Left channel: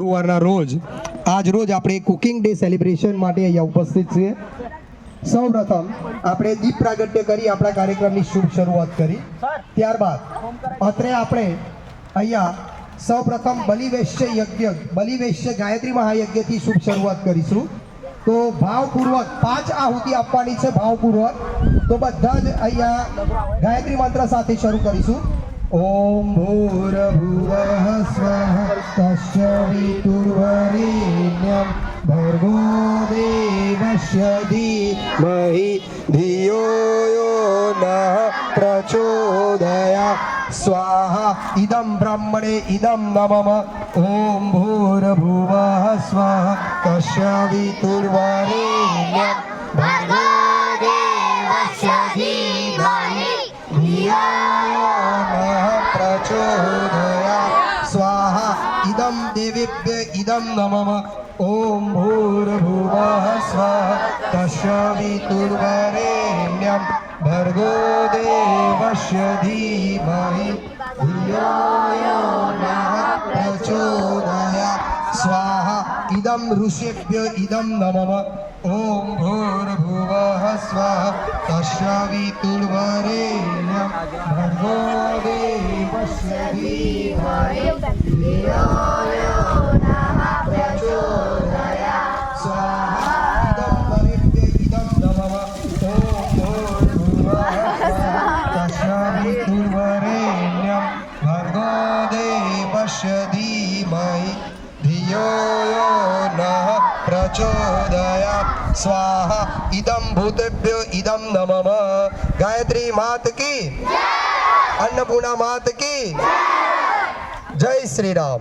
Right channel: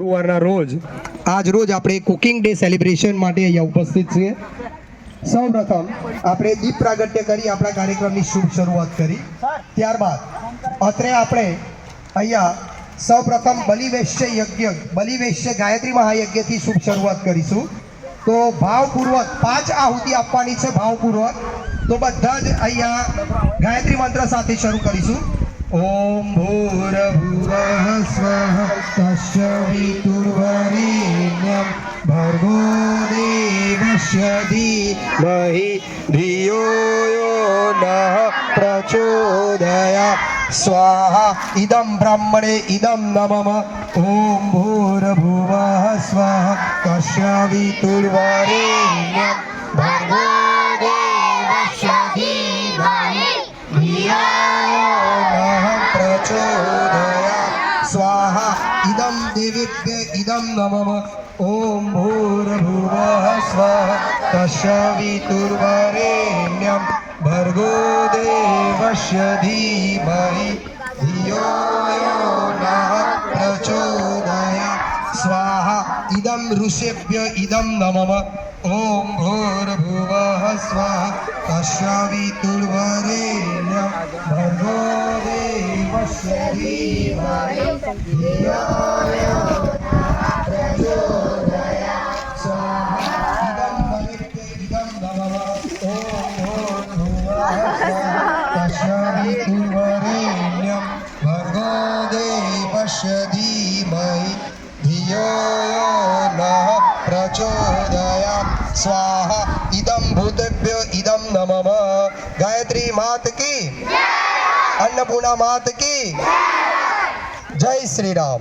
ગુરુવારના રોજ આજ રોજ આપણે કુકિંગ ડે સેલિબ્રેશન માટે અહીંયા ઉપસ્થિત છીએ। સૌપ્રથમ આપણે દીપ પ્રાગટ્ય કરી આપણા કાર્યક્રમની શુભ શરૂઆત કરી। ત્યારબાદ અત્રે આપણે અહીંયા સૌપ્રથમ બલિવેશ્ય ગાયત્રી મહાયજ્ઞથી શુભ શરૂઆત કરીશું। તો ભાવપૂર્વક 5 આહુતિ આપવાની છે ભાવપૂર્વક। તો બધા જ અહીંયા ગાયત્રી મંત્ર સાથે શરૂ કરીશું। ओम भूर्भुवः स्वः तस्वितुर्वरेण्यं भर्गो देवस्य धीमहि धियो यो नः प्रचोदयात् स्वाहा। इदं ब्रह्मणे इदं नमः। ओम भूर्भुवः स्वः तस्वितुर्वरेण्यं भर्गो देवस्य धीमहि धियो स्वाहा। इदं देवेभ्य इदं नमः। ओम भूर्भुवः स्वः तस्वितुर्वरेण्यं भर्गो देवस्य धीमहि धियो यो नः प्रचोदयात् स्वाहा। इदं ऋषेभ्य इदं नमः। ओम भूर्भुवः स्वः तस्वितुर्वरेण्यं भर्गो देवस्य धीमहि धियो यो नः प्रचोदयात् स्वाहा। इदं बलिभ्य इदं नमः। ओम भूर्भुवः स्वः तस्वितुर्वरेण्यं भर्गो देवस्य धीमहि धियो यो नः प्रचोदयात् स्वाहा। इदं भूतेभ्यो इदं नमः। गायत्री मात की, अन्नपूर्णा मात की जय श्री राम।